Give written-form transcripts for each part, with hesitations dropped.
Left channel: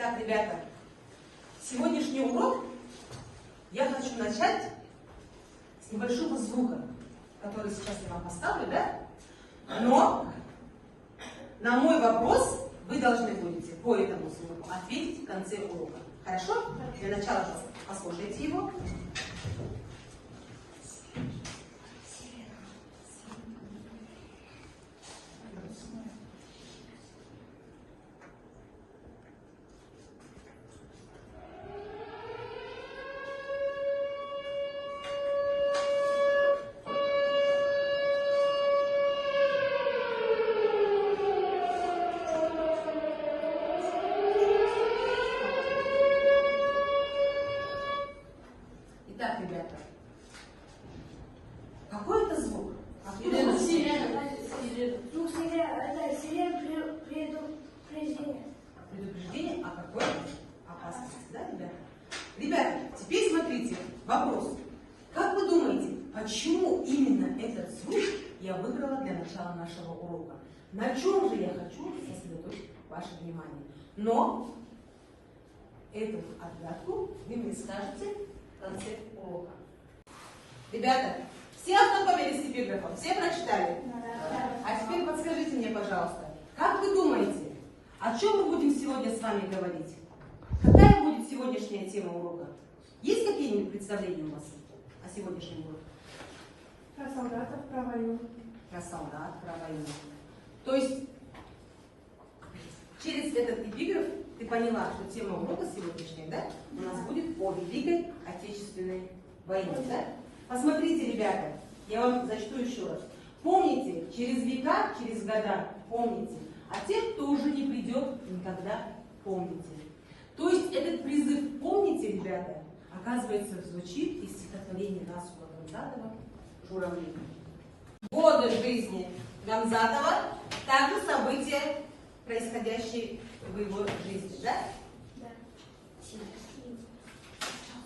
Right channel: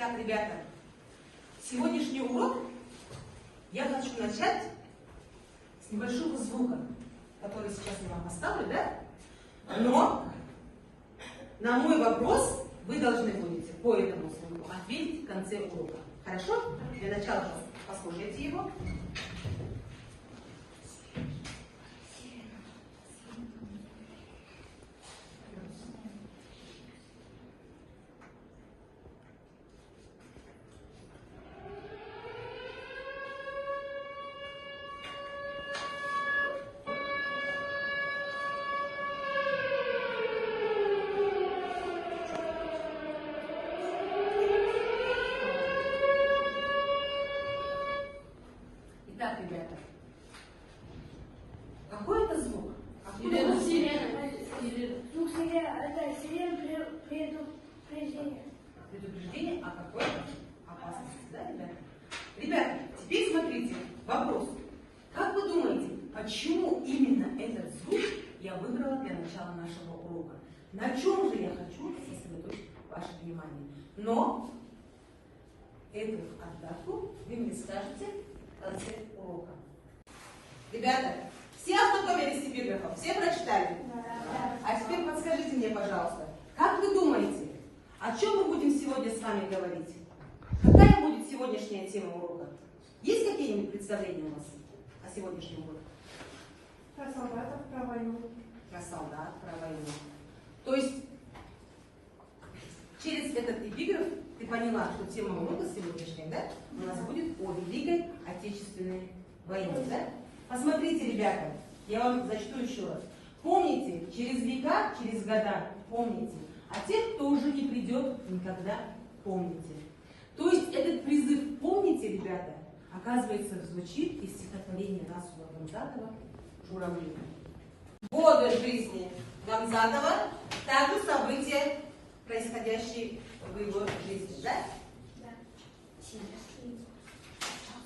Итак, ребята, сегодняшний урок я хочу начать с небольшого звука, который сейчас я вам поставлю, да? Но на мой вопрос вы должны будете по этому звуку ответить в конце урока. Хорошо? Для начала послушайте его. Итак, ребята, какой это звук? Откуда это сирена? Ну, это сирена предупреждение. Предупреждение о какой-то опасности, да, ребята? Ребята, теперь смотрите, вопрос. Как вы думаете, почему именно этот звук я выбрала для начала нашего урока? На чем же я хочу сосредоточить ваше внимание? Но эту отгадку вы мне скажете в конце урока. Ребята, все ознакомились с эпиграфом? Все прочитали? А теперь подскажите мне, пожалуйста, как вы думаете, о чем мы будем сегодня с вами говорить? Какая будет сегодняшняя тема урока? Есть какие-нибудь представления у вас о сегодняшнем уроке? Про солдатов, про войну. Про солдат, про войну. То есть, через этот эпиграф ты поняла, что тема урока сегодняшняя, да? У нас будет о Великой Отечественной войне, да? Посмотрите, ребята, я вам зачту еще раз. Помните, через века, через года, помните. А тех, кто уже не придет, никогда помните. То есть этот призыв «помните», ребята, оказывается, звучит из стихотворения Расула Гамзатова «Журавли». Годы жизни Гамзатова, также события, происходящие в его жизни, да? Да.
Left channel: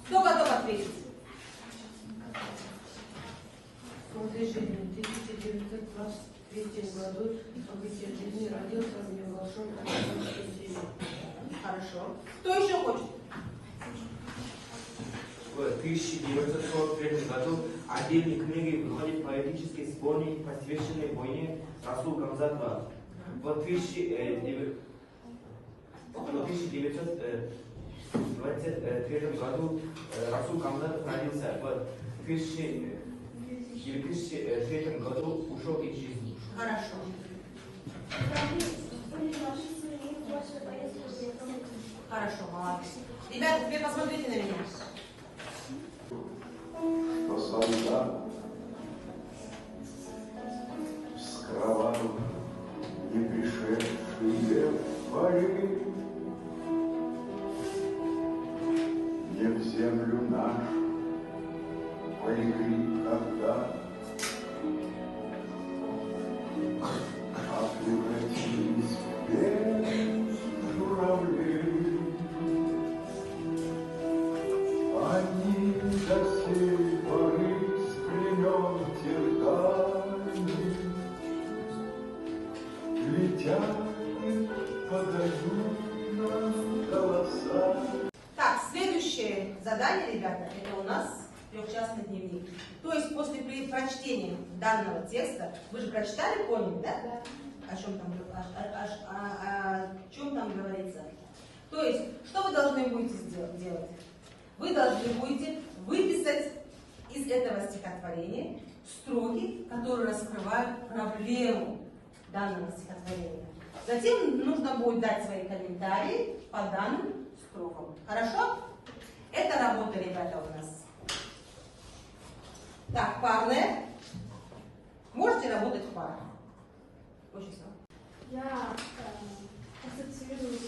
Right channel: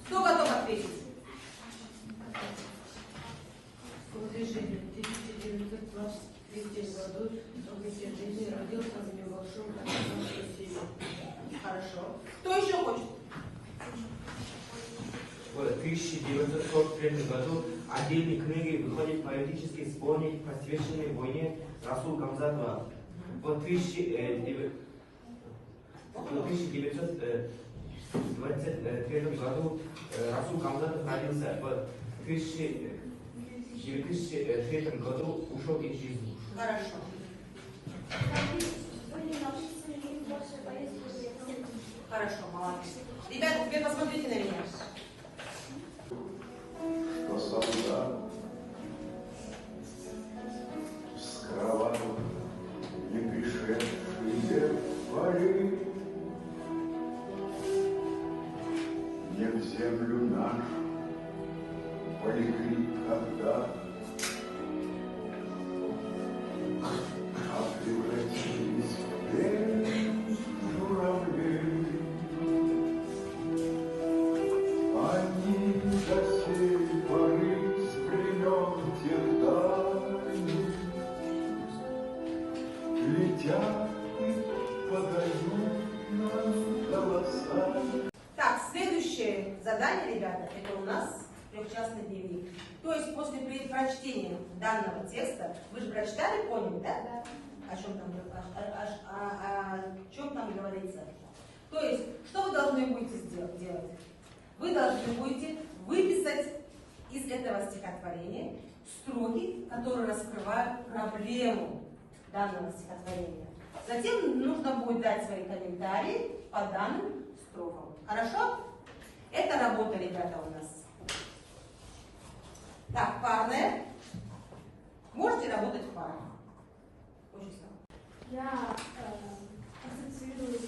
Кто готов ответить? В 1923 году события жизни родился в небольшом американском селе. Хорошо. Кто еще хочет? В 1943 году отдельной книгой выходит поэтический сборник, посвященный войне Расула Гамзатова. В 1923 году Расул Гамзатов родился. В 2003 году ушел из жизни. Хорошо. Хорошо, молодцы. Ребята, теперь посмотрите на меня. Что солдат с кровавых не пришедшие бои не в землю нашу полегли когда, а превратились в белых журавлей. Они до сей поры с племен дальних летят и подают нам голоса. Так, следующее задание, ребята, это у нас трехчастный дневник. То есть после прочтения данного текста, вы же прочитали, поняли, да? Да. О чем там говорится. То есть, что вы должны будете делать? Вы должны будете выписать из этого стихотворения строки, которые раскрывают проблему данного стихотворения. Затем нужно будет дать свои комментарии по данным строкам. Хорошо? Это работа, ребята, у нас. Так, парная. Можете работать в парах. Очень слабо. Я ассоциирую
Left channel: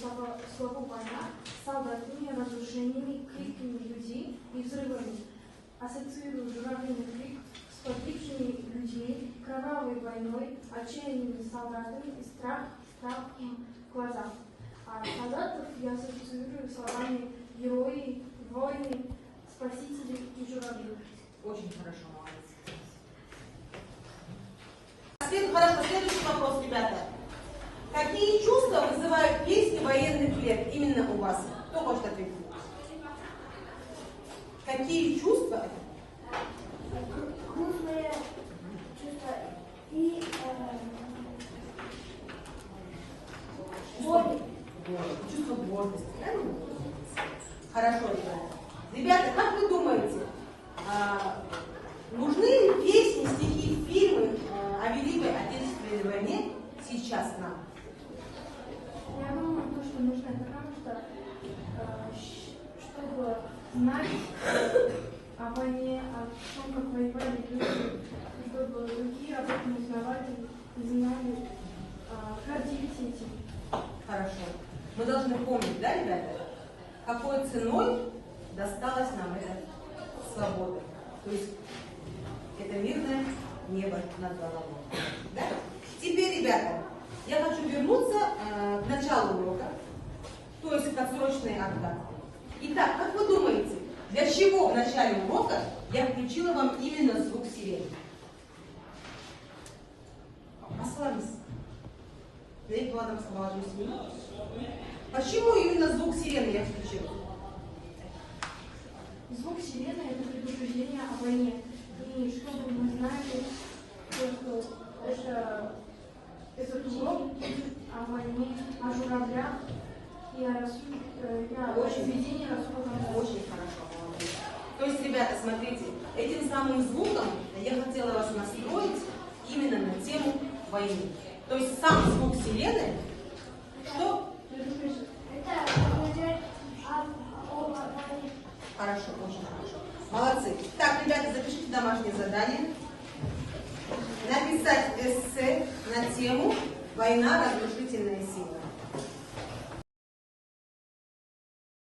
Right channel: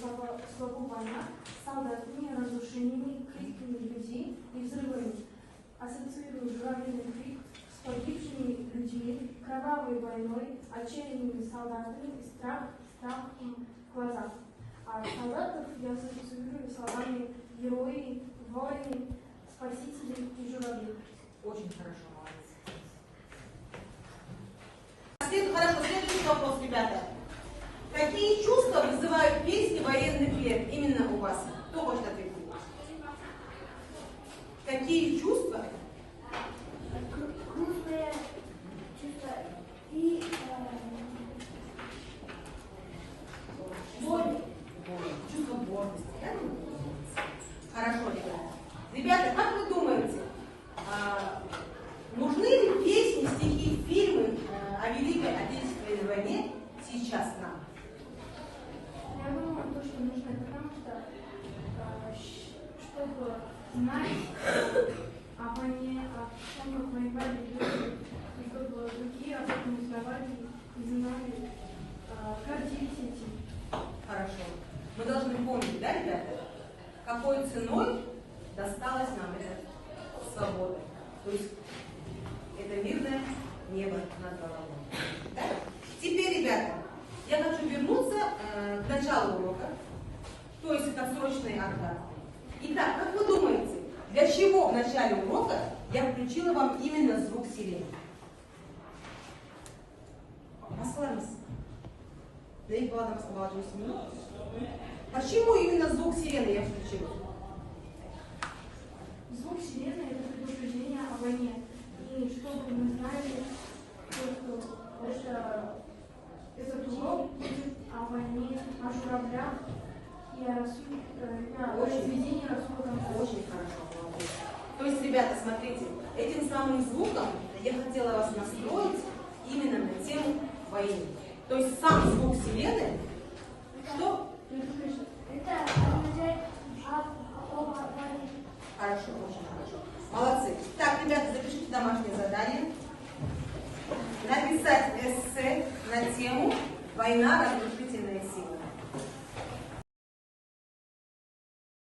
слово «война» с солдатами, разрушениями, криками людей и взрывами. Ассоциирую журавлиный крик с погибшими людьми, кровавой войной, отчаянными солдатами и страхом в глазах. А солдатов я ассоциирую словами герои, воины, спасители и журавли. Очень хорошо, молодец. Хорошо, следующий вопрос, ребята. Какие чувства вызывают песни военных лет именно у вас? Кто может ответить? Какие чувства? Грустные чувства и боль. Чувство гордости, правильно? Хорошо, ребята. Ребята, как вы думаете, нужны ли песни, стихи, фильмы о Великой Отечественной войне сейчас нам? Я думаю, то, что нужно, потому что, чтобы знать о войне, о том, как воевали люди, чтобы другие об этом узнавали и знали, гордились этим. Хорошо. Мы должны помнить, да, ребята, какой ценой досталась нам эта свобода. То есть это мирное небо над головой. Да? Теперь, ребята, я хочу вернуться к началу урока, то есть к отсрочной отдаче. Итак, как вы думаете, для чего в начале урока я включила вам именно звук сирены? Послались. Да и была там молодой семьи. Почему именно звук сирены я включила? Звук сирены – это предупреждение о войне. И чтобы мы знали, что этот урок о войне, о журавлях и о разведении Расула. Очень хорошо. Молодец. То есть, ребята, смотрите, этим самым звуком я хотела вас настроить именно на тему войны. То есть сам звук сирены, что? Это означает о войне. Хорошо, очень хорошо. Молодцы. Так, ребята, запишите домашнее задание. Написать эссе на тему «Война. Разрушительная сила».